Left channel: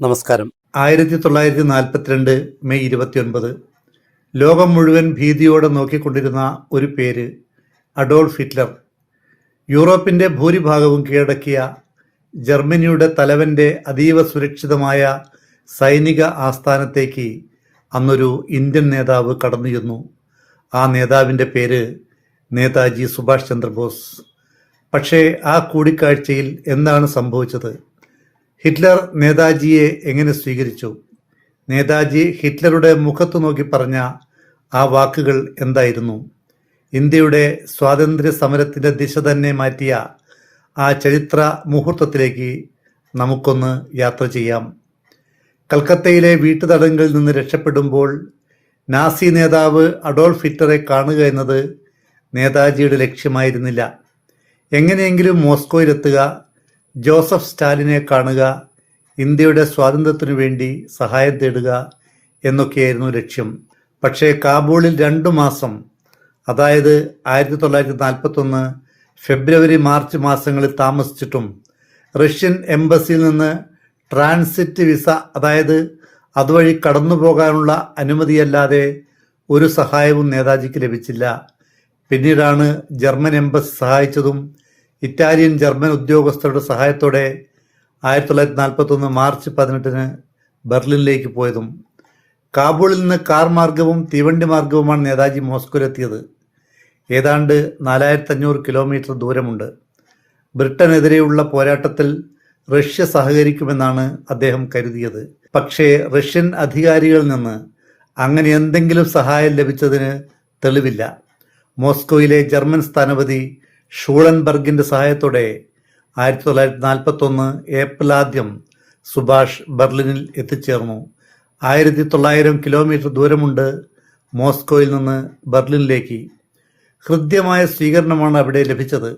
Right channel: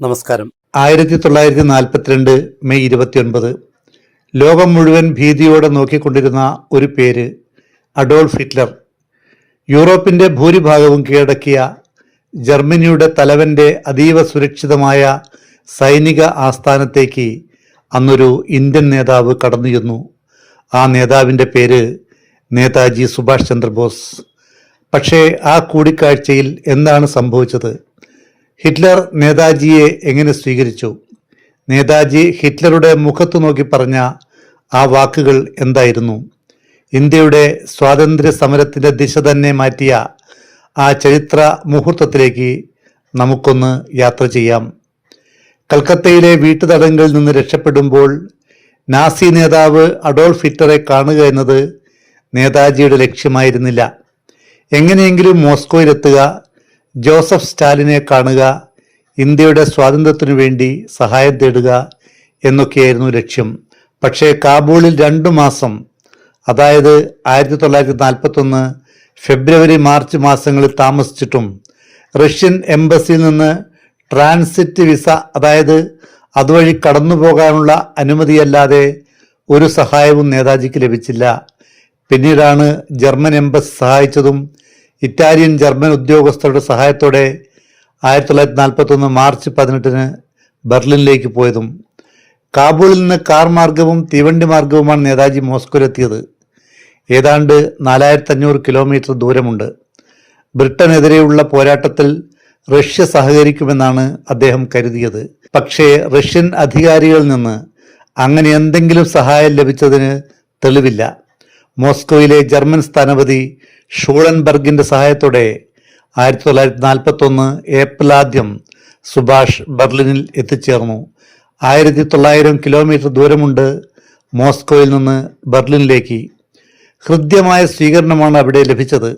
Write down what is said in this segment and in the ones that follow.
നമസ്കാരം. 1942 മെയ് 29 ലോകം മുഴുവൻ ഭീതിയോടെ നോക്കിക്കൊണ്ടിരുന്ന ഒരു പേര്, അഡോൾഫ് ഹിറ്റ്ലർ. യൂറോപ്പിന്റെ ഭൂരിഭാഗവും കീഴടക്കിയ ജർമ്മനിയുടെ തലവന്റെ അതീവ സുരക്ഷിതമായ സൈനിക ആസ്ഥാനത്തേക്ക് അന്നൊരു ഇന്ത്യൻ നേതാവ് കടന്നു ചെന്നു. ആ നേതാവിൻ്റെ പേര് നേതാജി സുഭാഷ് ചന്ദ്രബോസ്. പക്ഷേ ആ കൂടിക്കാഴ്ചയിൽ എന്താണ് സംഭവിച്ചത്? ഹിറ്റ്ലർ നേതാജിയെ എങ്ങനെ സ്വീകരിച്ചു? നേതാജി ഹിറ്റ്ലറുടെ മുഖത്ത് നോക്കി പറഞ്ഞ ആ വാക്കുകൾ എന്തായിരുന്നു? ഇന്ത്യയുടെ സ്വാതന്ത്ര്യ സമരത്തിൻ്റെ ദിശ തന്നെ മാറ്റിയ ആ ചരിത്ര മുഹൂർത്തത്തിലേക്ക് നമുക്കൊന്ന് യാത്ര ചെയ്യാം. കൽക്കത്തയിലെ വീട്ടുതടങ്കലിൽ നിന്ന് രക്ഷപ്പെടുമ്പോൾ നാസി നേതാവ് അഡോൾഫ് ഹിറ്റ്ലറെ കാണുക എന്നത് നേതാജിയുടെ ലക്ഷ്യമായിരുന്നില്ല. എങ്ങനെയെങ്കിലും മോസ്കോയിലെത്തുക, ജോസഫ് സ്റ്റാലിനെ കാണുക, ഇന്ത്യയുടെ സ്വാതന്ത്ര്യത്തിനു വേണ്ടി സഹായം തേടുക എന്നൊക്കെയായിരുന്നു ലക്ഷ്യം. പക്ഷേ കാബൂളിൽ 2 മാസം, അതായത് 1941 ഫെബ്രുവരി മാർച്ച് മാസങ്ങളിൽ താമസിച്ചിട്ടും റഷ്യൻ എംബസിയിൽ നിന്ന് ട്രാൻസിറ്റ് വിസ, അതായത് അതുവഴി കടന്നു പോകാനുള്ള അനുമതിയല്ലാതെ ഒരു സഹായവും നേതാജിക്ക് ലഭിച്ചില്ല. പിന്നീടാണ് ജർമ്മൻ എംബസി സഹായിച്ചതും ഇറ്റാലിയൻ ജർമ്മൻ ഉദ്യോഗസ്ഥരുടെ സഹായത്തോടെ 1941 മാർച്ച് 18 ബെർലിനിലേക്ക് പോയതും. കാബൂളിൽ നിന്ന് കാർ മാർഗവും തീവണ്ടി മാർഗവുമാണ് നേതാജി മോസ്കോയിലെത്തിയത്. ഏതാണ്ട് 4500 കിലോമീറ്റർ ദൂരമുണ്ട്. ബ്രിട്ടനെതിരെയുള്ള പോരാട്ടത്തിൽ റഷ്യ സഹകരിക്കുമെന്നാണ് അദ്ദേഹം കരുതിയത്. പക്ഷേ റഷ്യൻ അധികാരികളിൽ നിന്ന് അങ്ങനെ എന്തെങ്കിലും സഹായം ലഭിച്ചതിന് തെളിവില്ല. മോസ്കോയിലെ ജർമ്മൻ സ്ഥാനപതി ഷൂളൻബർഗിന്റെ സഹായത്തോടെ 1941 ഏപ്രിൽ 1 സുഭാഷ് ബെർലിനിൽ എത്തിച്ചേർന്നു. 1900 കിലോമീറ്റർ ദൂരമുണ്ട് മോസ്കോയിൽ നിന്ന് ബെർലിനിലേക്ക്. ഹൃദ്യമായ സ്വീകരണമാണ് അവിടെ ലഭിച്ചത്.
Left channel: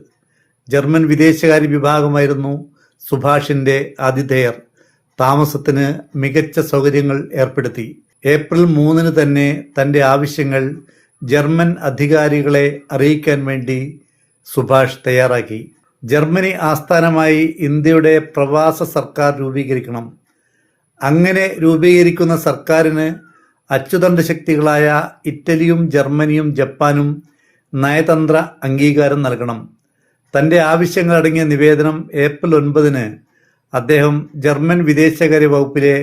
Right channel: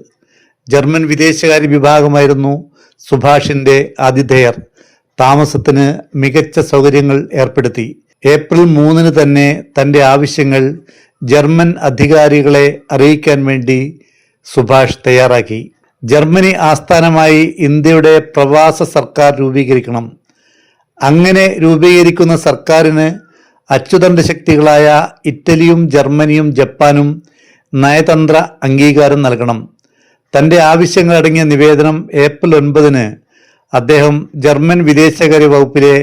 ജർമ്മൻ വിദേശകാര്യ വിഭാഗമായിരുന്നു സുഭാഷിന്റെ ആതിഥേയർ. താമസത്തിന് മികച്ച സൗകര്യങ്ങൾ ഏർപ്പെടുത്തി. ഏപ്രിൽ 3 തന്നെ തൻ്റെ ആവശ്യങ്ങൾ ജർമ്മൻ അധികാരികളെ അറിയിക്കാൻ വേണ്ടി സുഭാഷ് തയ്യാറാക്കി. ജർമ്മനി ആസ്ഥാനമായി ഇന്ത്യയുടെ പ്രവാസ സർക്കാർ രൂപീകരിക്കണം. അങ്ങനെ രൂപീകരിക്കുന്ന സർക്കാരിന് അച്ചുതണ്ട് ശക്തികളായ ഇറ്റലിയും ജർമ്മനിയും ജപ്പാനും നയതന്ത്ര അംഗീകാരം നൽകണം. തൻ്റെ ആവശ്യങ്ങളടങ്ങിയ നിവേദനം ഏപ്രിൽ 9 അദ്ദേഹം ജർമ്മൻ വിദേശകാര്യ വകുപ്പിലെ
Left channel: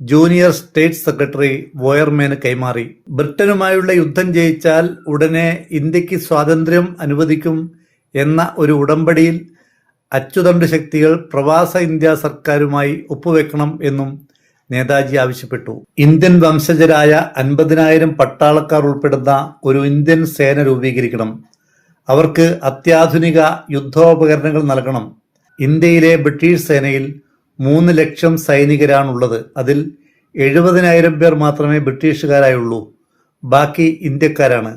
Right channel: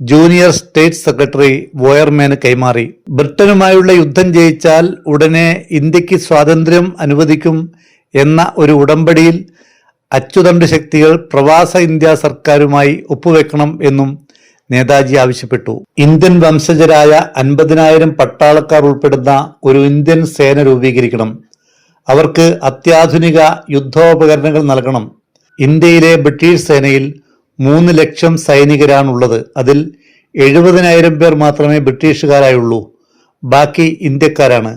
ജൂനിയർ സ്റ്റേറ്റ് സെക്രട്ടറി വോയർമാന് കൈമാറി. ബ്രിട്ടനുമായുള്ള യുദ്ധം ജയിച്ചാൽ ഉടനെ ഇന്ത്യക്ക് സ്വാതന്ത്ര്യം അനുവദിക്കും എന്ന ഒരു ഉടമ്പടിയിൽ അച്ചുതണ്ട് ശക്തികൾ പ്രവാസ ഇന്ത്യ സർക്കാരുമായി ഒപ്പുവെക്കണം എന്നും നേതാജി ആവശ്യപ്പെട്ടു. ഇന്ത്യൻ വംശജരായ 50,000 പട്ടാളക്കാർ ഉൾപ്പെടുന്ന ഒരു ഇന്ത്യൻ സേന രൂപീകരിക്കണം. അവർക്ക് അത്യാധുനിക യുദ്ധോപകരണങ്ങൾ നൽകണം. ഇന്ത്യയിലെ ബ്രിട്ടീഷ് സേനയിൽ 3 ലക്ഷം സൈനികരാണുള്ളത്. അതിൽ 70,000 പേർ മാത്രമേ ബ്രിട്ടീഷുകാരായുള്ളൂ. ബാക്കി ഇന്ത്യക്കാരാണ്.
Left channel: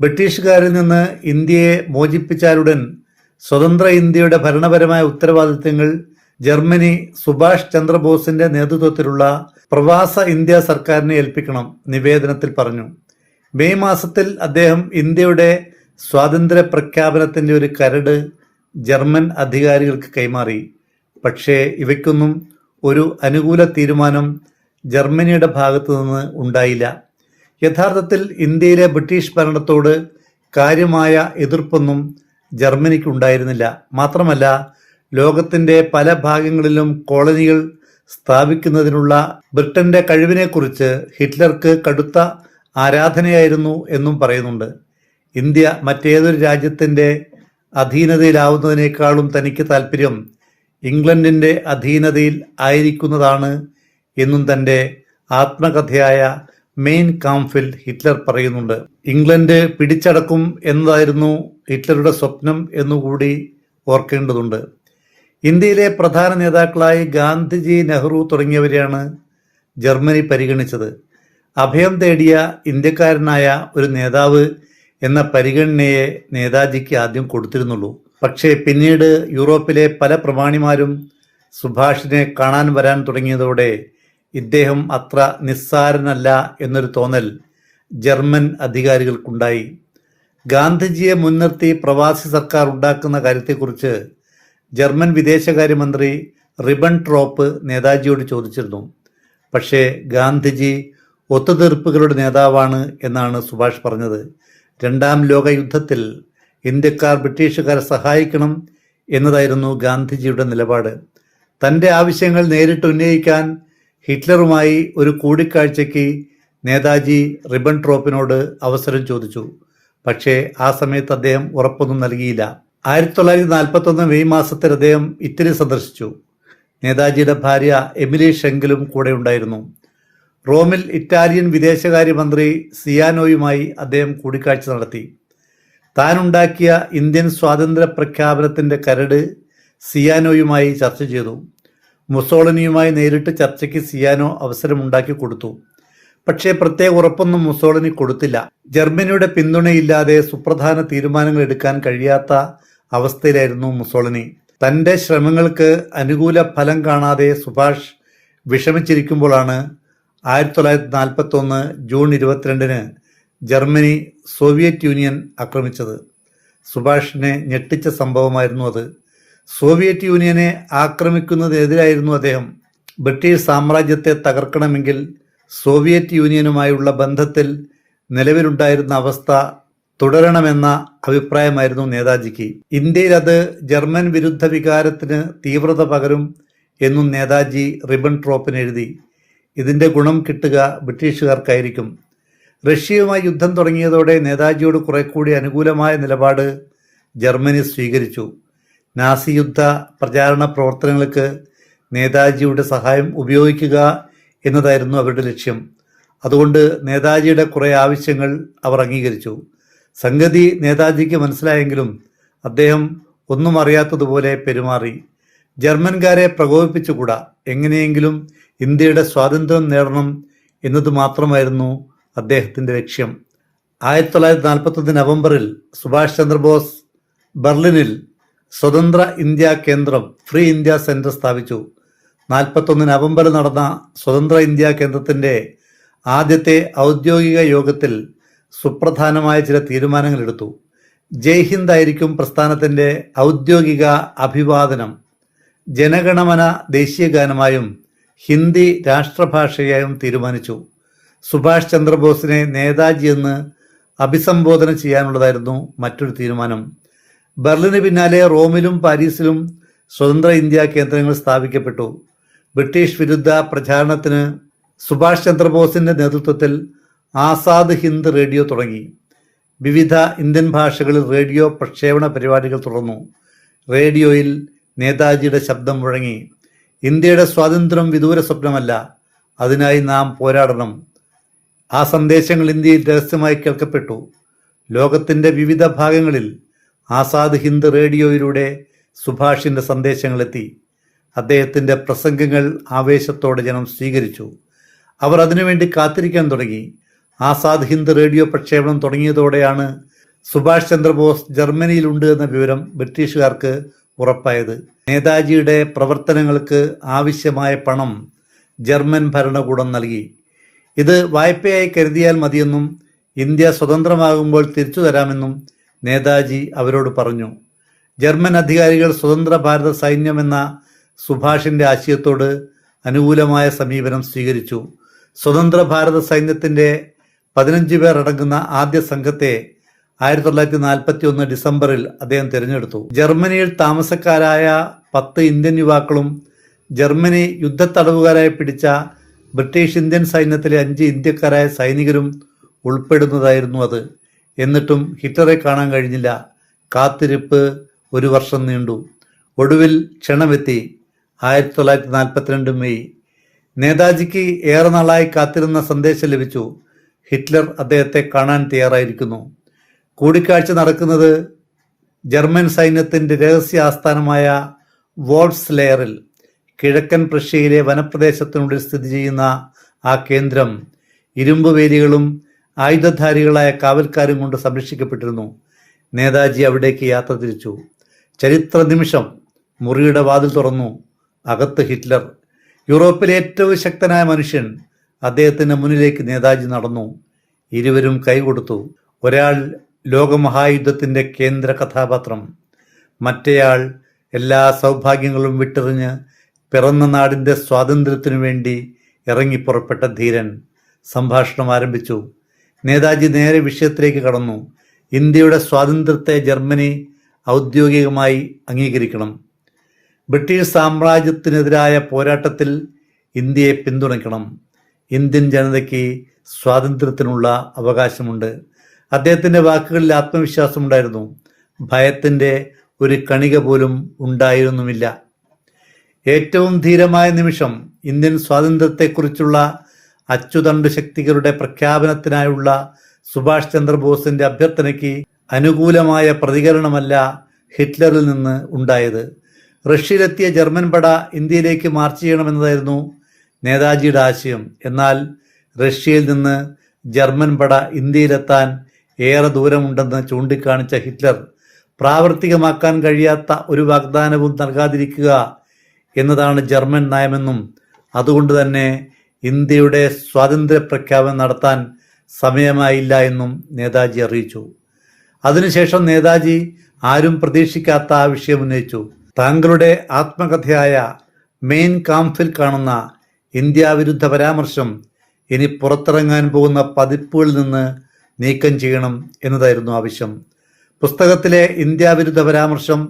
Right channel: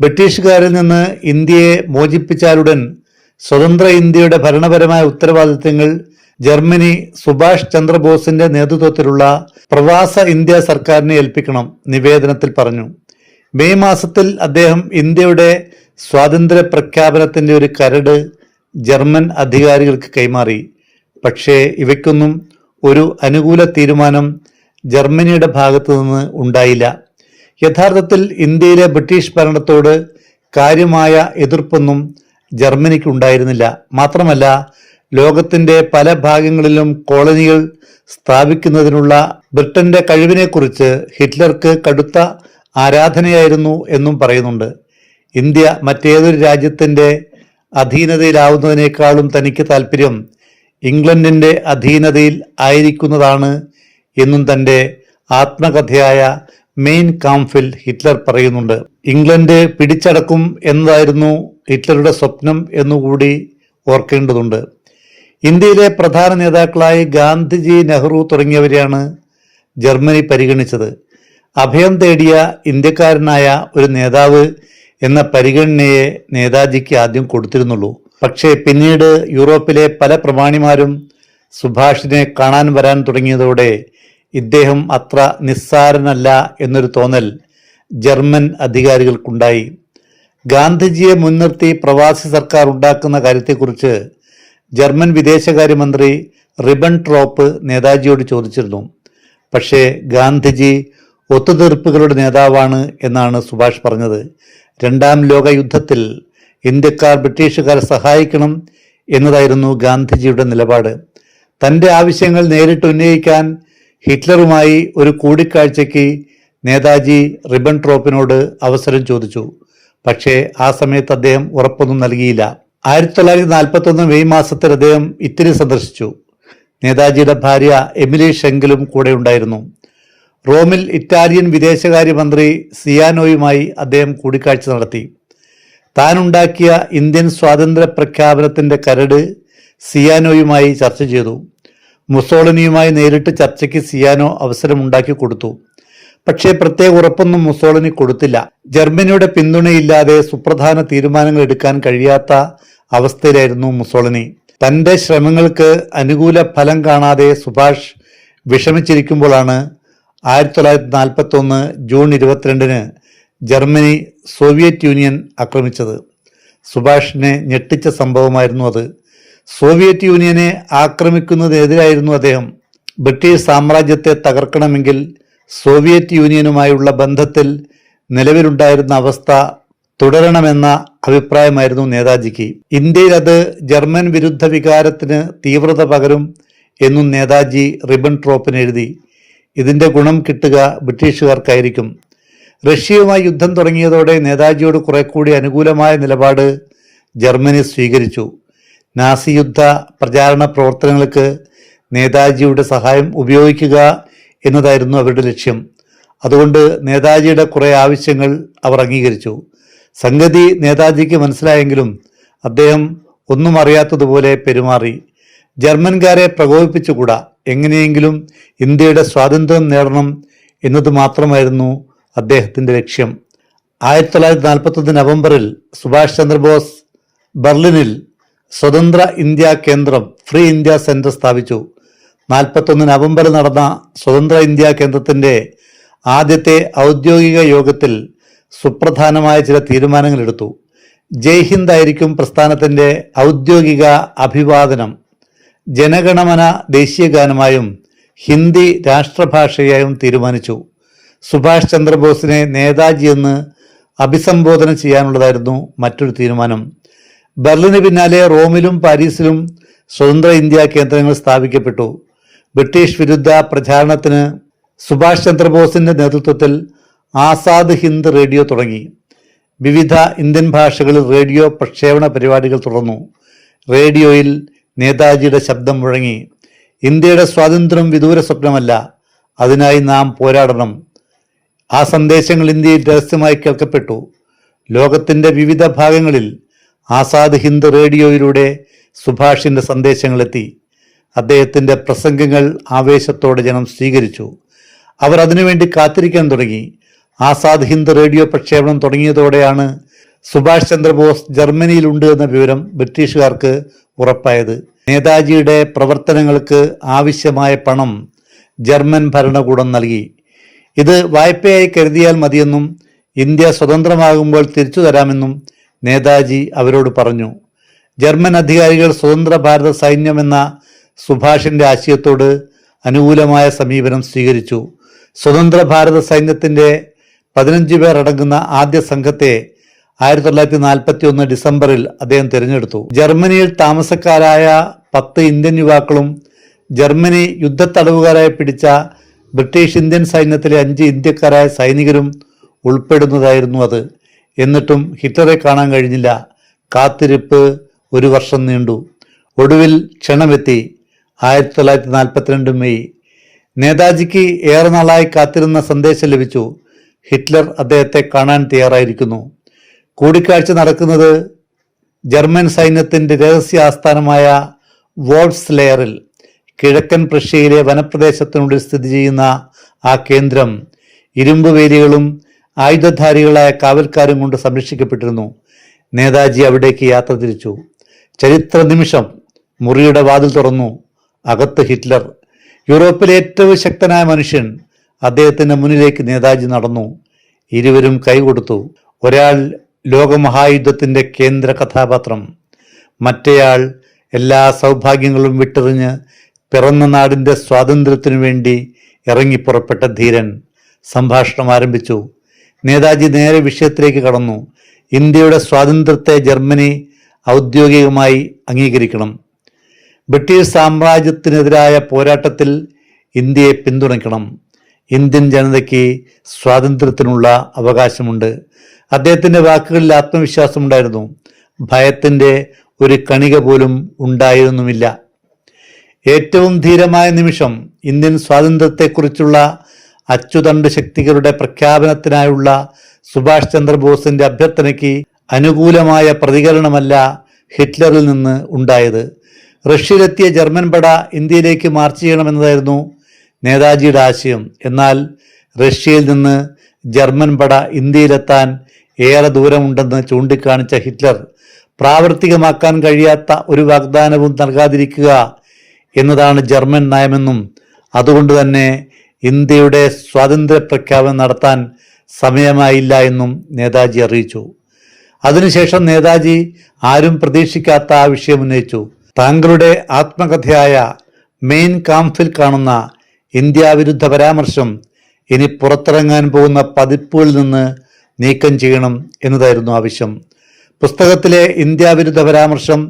ബ്രിട്ടീഷുകാരിൽ നിന്ന് ഇന്ത്യയെ മോചിപ്പിച്ചാലുടൻ സ്വതന്ത്ര ഇന്ത്യയുടെ ഭരണപരമായ ഉത്തരവാദിത്തങ്ങൾ ജർമ്മനി സുഭാഷ് ചന്ദ്രബോസിന്റെ നേതൃത്വത്തിലുള്ള പ്രവാസ ഇന്ത്യ സർക്കാരിനെ ഏൽപ്പിക്കണം, നിവേദനത്തിൽ പറഞ്ഞു. മെയ് മാസത്തിൽ അദ്ദേഹം ഇന്ത്യയുടെ സ്വാതന്ത്ര്യ പ്രഖ്യാപനത്തിന്റെ ഒരു കരട് ജർമ്മൻ അധികാരികൾക്ക് കൈമാറി. പക്ഷേ ഇവയ്ക്കൊന്നും ഒരു അനുകൂല തീരുമാനം ജർമ്മനിയുടെ ഭാഗത്തു നിന്ന് ഉണ്ടായില്ല. യഥാർത്ഥത്തിൽ ഇന്ത്യയിലെ ബ്രിട്ടീഷ് ഭരണത്തോട് കാര്യമായ എതിർപ്പൊന്നും ജർമ്മനിക്ക് ഉണ്ടായിരുന്നില്ല. മാത്രമല്ല, ലോകത്തിന്റെ പല ഭാഗങ്ങളിലും കോളനികൾ സ്ഥാപിക്കുന്നതിനുള്ള ബ്രിട്ടന്റെ കഴിവിനെക്കുറിച്ച് ഹിറ്റ്ലർക്ക് കടുത്ത ആരാധനയായിരുന്നു എന്നും പറയുന്നുണ്ട്. ഇന്ത്യ മറ്റേതൊരു രാജ്യത്തിന്റെ അധീനതയിലാവുന്നതിനേക്കാളും തനിക്ക് താല്പര്യം ഇംഗ്ലണ്ടിന്റെ അധീനതയിൽ ആയിരിക്കുന്നതാണ് എന്നും തൻ്റെ ആത്മകഥയായ മെയിൻ കാംഫിൽ ഹിറ്റ്ലർ പറയുന്നുണ്ട്. ഇംഗ്ലണ്ട് പിടിച്ചടക്കും എന്നതായിരുന്നു ഹിറ്റ്ലറുടെ സ്വപ്നം എന്നുകൂടി ഓർക്കേണ്ടതുണ്ട്. ഇന്ത്യയിലെ പ്രധാന നേതാക്കളായി ഗാന്ധിജി, നെഹ്റു തുടങ്ങിയവരെയാണ് ജർമ്മനി പരിഗണിച്ചത്. അഭയം തേടിയ ഇന്ത്യക്കാരനായ ഒരു നേതാവ് എന്ന പരിഗണനയെ നേതാജിക്ക് ആദ്യം കൊടുത്തിരുന്നുള്ളൂ. പക്ഷേ പിന്നീട് യൂറോപ്പിലെ പല പ്രമാണിമാരും സുഭാഷിനെ കാണാൻ വരാൻ തുടങ്ങിയതോടെ ഇദ്ദേഹം അത്ര നിസ്സാരനല്ല എന്നൊരു തോന്നൽ ജർമ്മൻ അധികാരികൾക്കുണ്ടായി. ഗാന്ധിജിയെ മുൻനിർത്തി പ്രവാസി സർക്കാർ ഉണ്ടാക്കുന്ന കാര്യത്തെക്കുറിച്ച് ജർമ്മൻ വിദേശകാര്യമന്ത്രി റിബൻട്രോപ്പ് നേതാജിയോട് ചോദിച്ചിരുന്നു. പക്ഷേ ഗാന്ധിജി ഒത്തുതീർപ്പുകളുടെ നേതാവാണ് എന്നാണ് സുഭാഷ് പറഞ്ഞത്. രണ്ടാം ലോക യുദ്ധത്തിൽ ഇന്ത്യക്കാർ ബ്രിട്ടീഷുകാരെ സഹായിക്കണം എന്നതായിരുന്നു ഗാന്ധിജിയുടെ നിലപാട്. തൻ്റെ ആവശ്യങ്ങൾ നേരിട്ട് ഉന്നയിക്കാൻ ഹിറ്റ്ലറുമായി ഒരു കൂടിക്കാഴ്ചയ്ക്ക് നേതാജി റിബൻട്രോപ്പിനോട് അവസരം ചോദിച്ചു. പക്ഷേ ആ സമയത്ത് അദ്ദേഹം ഉറപ്പൊന്നും നൽകിയില്ല. 1941 മെയ് മാസത്തിൽ അദ്ദേഹം ഇറ്റലി സന്ദർശിച്ചു. നേതാജിയുടെ ഭാര്യ എമിലി ഷെങ്കിലും കൂടെ ഉണ്ടായിരുന്നു. റോമിൽ ഇറ്റാലിയൻ വിദേശകാര്യമന്ത്രി സിയാനോയുമായി അദ്ദേഹം കൂടിക്കാഴ്ച നടത്തി. താനുണ്ടാക്കിയ ഇന്ത്യൻ സ്വാതന്ത്ര്യ പ്രഖ്യാപനത്തിൻ്റെ കരട് സിയാനോയുമായി ചർച്ച ചെയ്തു. മുസോളിനിയുമായി നേരിട്ട് ചർച്ചയ്ക്ക് സിയാനോ അവസരമുണ്ടാക്കി കൊടുത്തു. പക്ഷേ പ്രത്യേക ഉറപ്പൊന്നും മുസോളിനി കൊടുത്തില്ല. ജർമ്മനിയുടെ പിന്തുണയില്ലാതെ സുപ്രധാന തീരുമാനങ്ങൾ എടുക്കാൻ കഴിയാത്ത അവസ്ഥയിലായിരുന്നു മുസോളിനി. തൻ്റെ ശ്രമങ്ങൾക്ക് അനുകൂല ഫലം കാണാതെ സുഭാഷ് വിഷമിച്ചിരിക്കുമ്പോഴാണ് 1941 ജൂൺ 22 ജർമ്മനി സോവിയറ്റ് യൂണിയൻ ആക്രമിച്ചത്. സുഭാഷിനെ ഞെട്ടിച്ച സംഭവമായിരുന്നു അത്. സോവിയറ്റ് യൂണിയനെ ആക്രമിക്കുന്നതിനെതിരായിരുന്നു അദ്ദേഹം. ബ്രിട്ടീഷ് സാമ്രാജ്യത്തെ തകർക്കണമെങ്കിൽ സോവിയറ്റ് യൂണിയനുമായുള്ള ബന്ധത്തിൽ നിലവിലുണ്ടായിരുന്ന അവസ്ഥ തുടരണമെന്ന അഭിപ്രായമായിരുന്നു നേതാജിക്ക്. ഇന്ത്യയിൽ അത് ജർമ്മൻ വിരുദ്ധ വികാരത്തിന് തീവ്രത പകരും എന്നും നേതാജി റിബൻട്രോപ്പിന് എഴുതി. ഇതിൻ്റെ ഗുണം കിട്ടുക ബ്രിട്ടീഷുകാർക്കായിരിക്കും. റഷ്യയുമായി യുദ്ധം തുടങ്ങിയതോടെ നേതാജിയോട് കുറെ കൂടി അനുകൂലമായ നിലപാട് ജർമ്മനി സ്വീകരിച്ചു. നാസി യുദ്ധ പ്രചാരണ പ്രവർത്തനങ്ങൾക്ക് നേതാജിയുടെ സഹായം ഉപയോഗിക്കുക എന്നതായിരുന്നു അവരുടെ ലക്ഷ്യം. അതുകൊണ്ട് നേതാജിയുടെ കുറെ ആവശ്യങ്ങൾ അവർ അംഗീകരിച്ചു. സംഗതി നേതാജിക്ക് മനസ്സിലായെങ്കിലും അദ്ദേഹം ഒന്നും അറിയാത്തതുപോലെ പെരുമാറി. ജർമ്മൻകാരെ പ്രകോപിപ്പിച്ചുകൂടാ, എങ്ങനെയെങ്കിലും ഇന്ത്യയുടെ സ്വാതന്ത്ര്യം നേടണം എന്നത് മാത്രമായിരുന്നു അദ്ദേഹത്തിൻ്റെ ലക്ഷ്യം. 1941 നവംബറിൽ സുഭാഷ് ചന്ദ്രബോസ് ബെർലിനിൽ സ്വതന്ത്ര ഇന്ത്യ കേന്ദ്രം ഫ്രീ ഇന്ത്യ സെന്റർ സ്ഥാപിച്ചു. 1941 നവംബറിൽ നടന്ന സ്വതന്ത്ര ഇന്ത്യ കേന്ദ്രത്തിൻ്റെ ആദ്യത്തെ ഔദ്യോഗിക യോഗത്തിൽ സുപ്രധാനമായ ചില തീരുമാനങ്ങൾ എടുത്തു. ജയ് ഹിന്ദ് ആയിരിക്കും പ്രസ്ഥാനത്തിൻ്റെ ഔദ്യോഗിക അഭിവാദനം. ജനഗണമന ദേശീയ ഗാനമായും ഹിന്ദി രാഷ്ട്രഭാഷയായും തീരുമാനിച്ചു. സുഭാഷ് ചന്ദ്രബോസിനെ നേതാജി എന്ന് അഭിസംബോധന ചെയ്യാനുള്ളതായിരുന്നു മറ്റൊരു തീരുമാനം. ബെർലിന് പിന്നാലെ റോമിലും പാരീസിലും സ്വതന്ത്ര ഇന്ത്യ കേന്ദ്രങ്ങൾ സ്ഥാപിക്കപ്പെട്ടു. ബ്രിട്ടീഷ് വിരുദ്ധ പ്രചാരണത്തിന് സുഭാഷ് ചന്ദ്രബോസിന്റെ നേതൃത്വത്തിൽ ആസാദ് ഹിന്ദ് റേഡിയോ തുടങ്ങി. വിവിധ ഇന്ത്യൻ ഭാഷകളിൽ റേഡിയോ പ്രക്ഷേപണ പരിപാടികൾ തുടർന്നു. റേഡിയോയിൽ നേതാജിയുടെ ശബ്ദം മുഴങ്ങി. ഇന്ത്യയുടെ സ്വാതന്ത്ര്യം വിദൂര സ്വപ്നമല്ല, അതിനായി നാം പോരാടണം. ആ സന്ദേശങ്ങൾ ഇന്ത്യയിൽ രഹസ്യമായി കേൾക്കപ്പെട്ടു. ലോകത്തിൻ്റെ വിവിധ ഭാഗങ്ങളിൽ ആസാദ് ഹിന്ദ് റേഡിയോയിലൂടെ സുഭാഷിൻ്റെ സന്ദേശങ്ങളെത്തി. അദ്ദേഹത്തിൻ്റെ പ്രസംഗങ്ങൾ ആവേശത്തോടെ ജനം സ്വീകരിച്ചു. അവർ അതിനുവേണ്ടി കാത്തിരിക്കാൻ തുടങ്ങി. ആസാദ് ഹിന്ദ് റേഡിയോ പ്രക്ഷേപണം തുടങ്ങിയതോടെയാണ് സുഭാഷ് ചന്ദ്രബോസ് ജർമ്മനിയിലുണ്ട് എന്ന വിവരം ബ്രിട്ടീഷുകാർക്ക് ഉറപ്പായത്. നേതാജിയുടെ പ്രവർത്തനങ്ങൾക്ക് ആവശ്യമായ പണം ജർമ്മൻ ഭരണകൂടം നൽകി. ഇത് വായ്പയായി കരുതിയാൽ മതിയെന്നും ഇന്ത്യ സ്വതന്ത്രമാകുമ്പോൾ തിരിച്ചു തരാമെന്നും നേതാജി അവരോട് പറഞ്ഞു. ജർമ്മൻ അധികാരികൾ സ്വതന്ത്ര ഭാരത സൈന്യമെന്ന സുഭാഷിന്റെ ആശയത്തോട് അനുകൂലമായ സമീപനം സ്വീകരിച്ചു. സ്വതന്ത്ര ഭാരത സൈന്യത്തിന്റെ 15 പേർ അടങ്ങുന്ന ആദ്യ സംഘത്തെ 1941 ഡിസംബറിൽ അദ്ദേഹം തിരഞ്ഞെടുത്തു. ജർമ്മനിയിൽ താമസക്കാരായ 10 ഇന്ത്യൻ യുവാക്കളും ജർമ്മനി യുദ്ധത്തടവുകാരായി പിടിച്ച ബ്രിട്ടീഷ് ഇന്ത്യൻ സൈന്യത്തിലെ 5 ഇന്ത്യക്കാരായ സൈനികരും ഉൾപ്പെടുന്നതായിരുന്നു അത്. എന്നിട്ടും ഹിറ്റ്ലറെ കാണാൻ കഴിഞ്ഞില്ല. കാത്തിരിപ്പ് 1 വർഷം നീണ്ടു. ഒടുവിൽ ക്ഷണമെത്തി. 1942 മെയ്. നേതാജിക്ക് ഏറെ നാളായി കാത്തിരുന്ന സന്ദേശം ലഭിച്ചു. ഹിറ്റ്ലർ അദ്ദേഹത്തെ കാണാൻ തയ്യാറായിരിക്കുന്നു. കൂടിക്കാഴ്ച നടക്കുന്നത് ജർമ്മൻ സൈന്യത്തിൻ്റെ രഹസ്യ ആസ്ഥാനമായ വോൾഫ്സ്ലെയറിൽ. കിഴക്കൻ പ്രഷ്യയിലെ വനപ്രദേശത്തിനുള്ളിൽ സ്ഥിതി ചെയ്യുന്ന ആ കേന്ദ്രം ഇരുമ്പ് വേലികളും ആയുധധാരികളായ കാവൽക്കാരും കൊണ്ട് സംരക്ഷിക്കപ്പെട്ടിരുന്നു. നേതാജി അവിടേക്ക് യാത്ര തിരിച്ചു. ചരിത്ര നിമിഷം. മുറിയുടെ വാതിൽ തുറന്നു. അകത്ത് ഹിറ്റ്ലർ, യൂറോപ്പിലെ ഏറ്റവും ശക്തനായ മനുഷ്യൻ. അദ്ദേഹത്തിൻ്റെ മുന്നിലേക്ക് നേതാജി നടന്നു. ഇരുവരും കൈകൊടുത്തു. ഒരാൾ ലോകമഹായുദ്ധത്തിൻ്റെ കേന്ദ്ര കഥാപാത്രം, മറ്റേയാൾ എല്ലാ സൗഭാഗ്യങ്ങളും വിട്ടെറിഞ്ഞ് പിറന്ന നാടിൻ്റെ സ്വാതന്ത്ര്യത്തിനു വേണ്ടി ഇറങ്ങിപ്പുറപ്പെട്ട ധീരൻ. സംഭാഷണം ആരംഭിച്ചു. നേതാജി നേരെ വിഷയത്തിലേക്ക് കടന്നു. ഇന്ത്യയുടെ സ്വാതന്ത്ര്യത്തെ ജർമ്മനി ഔദ്യോഗികമായി അംഗീകരിക്കണം. ബ്രിട്ടീഷ് സാമ്രാജ്യത്തിനെതിരായ പോരാട്ടത്തിൽ ഇന്ത്യയെ പിന്തുണയ്ക്കണം. ഇന്ത്യൻ ജനതയ്ക്ക് സ്വാതന്ത്ര്യത്തിനുള്ള അവകാശമുണ്ട്. അദ്ദേഹത്തിൻ്റെ വാക്കുകളിൽ ആത്മവിശ്വാസമുണ്ടായിരുന്നു. ഭയത്തിൻ്റെ ഒരു കണിക പോലും ഉണ്ടായിരുന്നുമില്ല. ഏറ്റവും ധീരമായ നിമിഷം ഇന്ത്യൻ സ്വാതന്ത്ര്യത്തെക്കുറിച്ചുള്ള അച്ചുതണ്ട് ശക്തികളുടെ പ്രഖ്യാപനത്തിനായുള്ള സുഭാഷ് ചന്ദ്രബോസിന്റെ അഭ്യർത്ഥനയ്ക്ക് അനുകൂലമായ പ്രതികരണമല്ല ഹിറ്റ്ലറിൽ നിന്ന് ഉണ്ടായത്. റഷ്യയിലെത്തിയ ജർമ്മൻ പട ഇന്ത്യയിലേക്ക് മാർച്ച് ചെയ്യണമെന്നതായിരുന്നു നേതാജിയുടെ ആശയം. എന്നാൽ റഷ്യയിൽ നിന്ന് ജർമ്മൻ പട ഇന്ത്യയിലെത്താൻ ഏറെ ദൂരമുണ്ടെന്ന് ചൂണ്ടിക്കാണിച്ച ഹിറ്റ്ലർ പ്രാവർത്തികമാക്കാൻ കഴിയാത്ത ഒരു വാഗ്ദാനവും നൽകാതിരിക്കുക എന്നതാണ് ജർമ്മൻ നയമെന്നും അതുകൊണ്ട് തന്നെ ഇന്ത്യയുടെ സ്വാതന്ത്ര്യ പ്രഖ്യാപനം നടത്താൻ സമയമായില്ല എന്നും നേതാജി അറിയിച്ചു. അതിനുശേഷം നേതാജി ആരും പ്രതീക്ഷിക്കാത്ത ആ വിഷയം ഉന്നയിച്ചു. താങ്കളുടെ ആത്മകഥയായ മെയിൻ കാംഫിൽ കാണുന്ന ഇന്ത്യ വിരുദ്ധ പരാമർശം ഇനി പുറത്തിറങ്ങാൻ പോകുന്ന പതിപ്പുകളിൽ നിന്ന് നീക്കം ചെയ്യണം എന്നതായിരുന്നു ആവശ്യം. പുസ്തകത്തിലെ ഇന്ത്യ വിരുദ്ധ പരാമർശം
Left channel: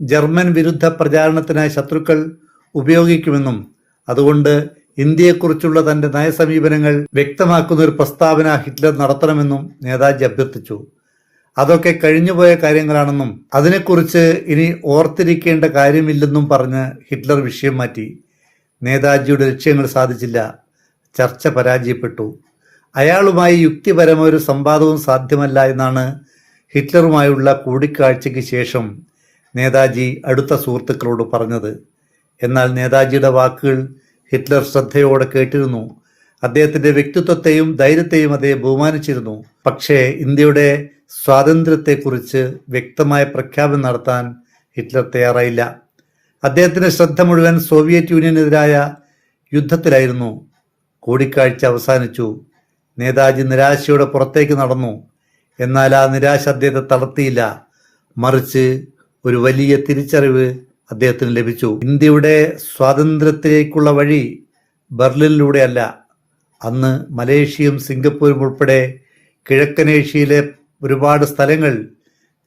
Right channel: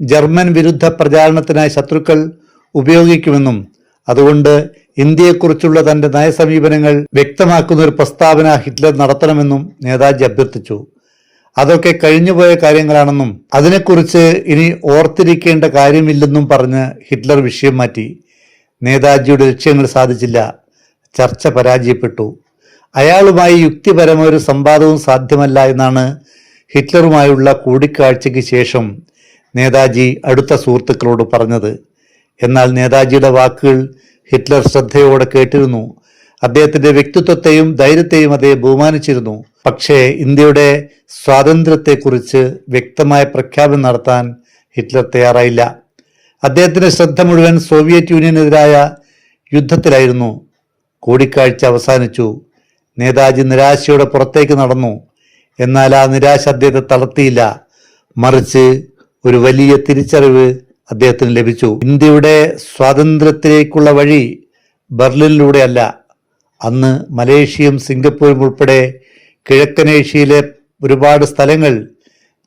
ജർമ്മൻ വിരുദ്ധ പ്രചാരണത്തിനായി ശത്രുക്കൾ ഉപയോഗിക്കുമെന്നും അതുകൊണ്ട് ഇന്ത്യയെക്കുറിച്ചുള്ള തന്റെ നയസമീപനങ്ങൾ വ്യക്തമാക്കുന്ന ഒരു പ്രസ്താവന ഹിറ്റ്ലർ നടത്തണമെന്നും നേതാജി അഭ്യർത്ഥിച്ചു. അതൊക്കെ കഴിഞ്ഞുപോയ കാര്യങ്ങളാണെന്നും അതിനെക്കുറിച്ച് ഇനി ഓർത്തിരിക്കേണ്ട കാര്യമില്ലെന്നും പറഞ്ഞ് ഹിറ്റ്ലർ വിഷയം മാറ്റി. നേതാജിയുടെ ലക്ഷ്യങ്ങൾ സാധിച്ചില്ല. ചർച്ച പരാജയപ്പെട്ടു. അയാളുമായി യുക്തിപരമായ ഒരു സംവാദവും സാധ്യമല്ല എന്നാണ് ഹിറ്റ്ലറുമായുള്ള കൂടിക്കാഴ്ചയ്ക്ക് ശേഷം നേതാജി അടുത്ത സുഹൃത്തുക്കളോട് പറഞ്ഞത്. എന്നാൽ നേതാജിയുടെ വാക്കുകൾ ഹിറ്റ്ലർ ശ്രദ്ധയോടെ കേട്ടിരുന്നു. അദ്ദേഹത്തിന്റെ വ്യക്തിത്വത്തെയും ധൈര്യത്തെയും അദ്ദേഹം ബഹുമാനിച്ചിരുന്നു. പക്ഷേ ഇന്ത്യയുടെ സ്വാതന്ത്ര്യത്തെക്കുറിച്ച് വ്യക്തമായ പ്രഖ്യാപനം നടത്താൻ ഹിറ്റ്ലർ തയ്യാറായില്ല. അദ്ദേഹത്തിന്റെ ശ്രദ്ധ മുഴുവൻ സോവിയറ്റ് യൂണിയനെതിരായ യുദ്ധത്തിലായിരുന്നു. കൂടിക്കാഴ്ച അവസാനിച്ചു. നേതാജി നിരാശയോടെ പുറത്തേക്ക് നടന്നു. എന്നാൽ ആ നിരാശ അദ്ദേഹത്തെ തളർത്തിയില്ല. മറിച്ച് ഒരു വലിയ തിരിച്ചറിവ് അദ്ദേഹത്തിന് ലഭിച്ചു. ഇന്ത്യയുടെ സ്വാതന്ത്ര്യത്തിലേക്കുള്ള വഴി ബെർലിനിലൂടെയല്ല. അന്ന് മലേഷ്യയും സിംഗപ്പൂരും ഉൾപ്പെടെ കിഴക്കൻ ഏഷ്യയിലെ ഒരുപാട് സ്ഥലങ്ങൾ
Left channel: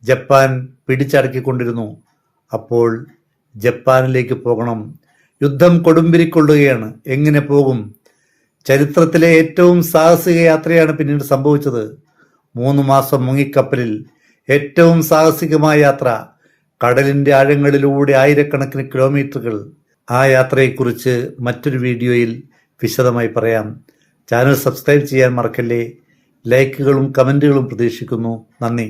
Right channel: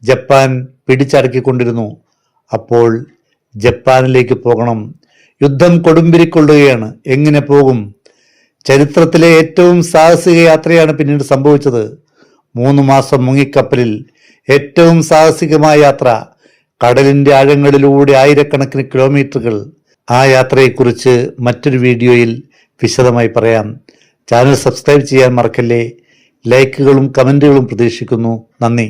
ജപ്പാൻ പിടിച്ചടക്കിക്കൊണ്ടിരുന്നു. അപ്പോൾ ജപ്പാനിലേക്ക് പോകണം. യുദ്ധം കൊടുമ്പിരിക്കൊള്ളുകയാണ്. എങ്ങനെ പോകും? ചരിത്രത്തിലെ ഏറ്റവും സാഹസിക യാത്രയാണ് പിന്നീട് സംഭവിച്ചത്. 3 മാസം മുങ്ങിക്കപ്പലിൽ ഏറ്റവും സാഹസികമായ യാത്ര. കടലിന്റെ ആഴങ്ങളിലൂടെ ആയിരക്കണക്കിന് കിലോമീറ്ററുകൾ. ആ യാത്രയെക്കുറിച്ച് മറ്റൊരു വീഡിയോയിൽ വിശദമായി പറയാം. ചാനൽ സബ്സ്ക്രൈബ് ചെയ്യാൻ മറക്കല്ലേ. ലൈക്കുകളും കമന്റുകളും പ്രതീക്ഷിക്കുന്നു. നന്ദി.